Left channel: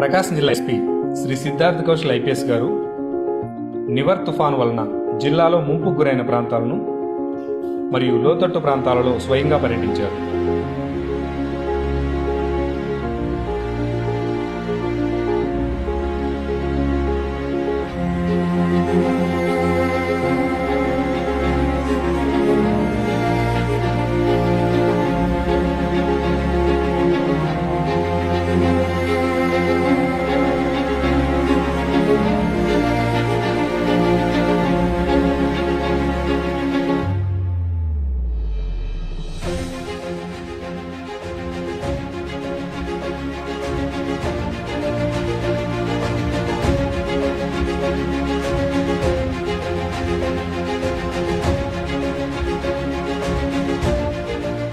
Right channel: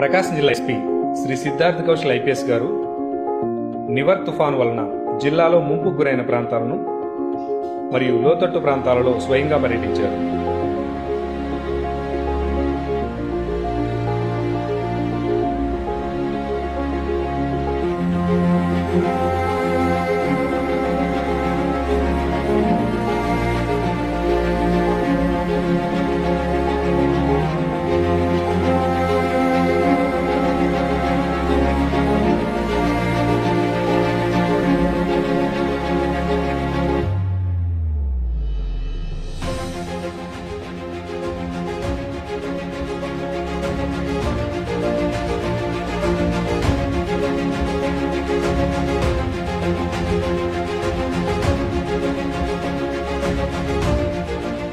ప్రకాశం జిల్లా SP Shri Siddharth Kaushal IPS గారు నివర్ తుఫాను వలన జిల్లాలో ముంపుకు గురైన ప్రాంతాలను మరియు లోతట్టు ప్రాంతాలలో స్వయంగా పర్యటించారు.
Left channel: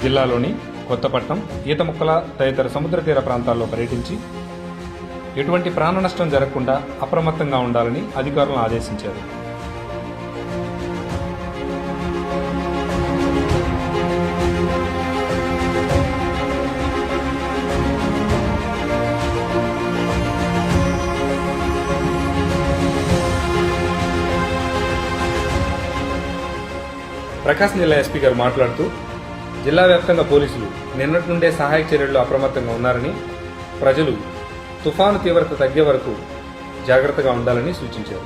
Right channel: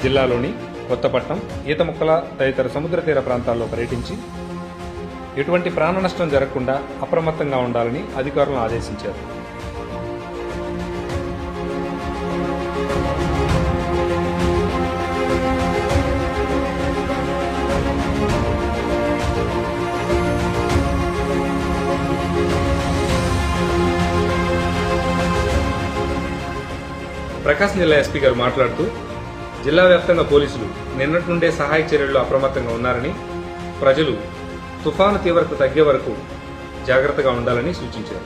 జిల్లాలోని కొత్తపట్నం, ఈతముక్కల తదితర సముద్ర తీర ప్రాంతాల్లో పర్యటించి ఎటువంటి ప్రాణ నష్టం జరగకుండా అప్రమత్తంగా ఉండాలని అధికారులను ఆదేశించారు. ప్రకాశం జిల్లా ఎస్పీ గారు మాట్లాడుతూ, జిల్లా వ్యాప్తంగా పోలీసులు నిన్నటి నుండే సహాయక చర్యల్లో అప్రమత్తంగా ఉన్నారని, ప్రజలు తుఫాను తీవ్రత తగ్గే వరకు జాగ్రత్తగా ఉండాలని సూచించారు.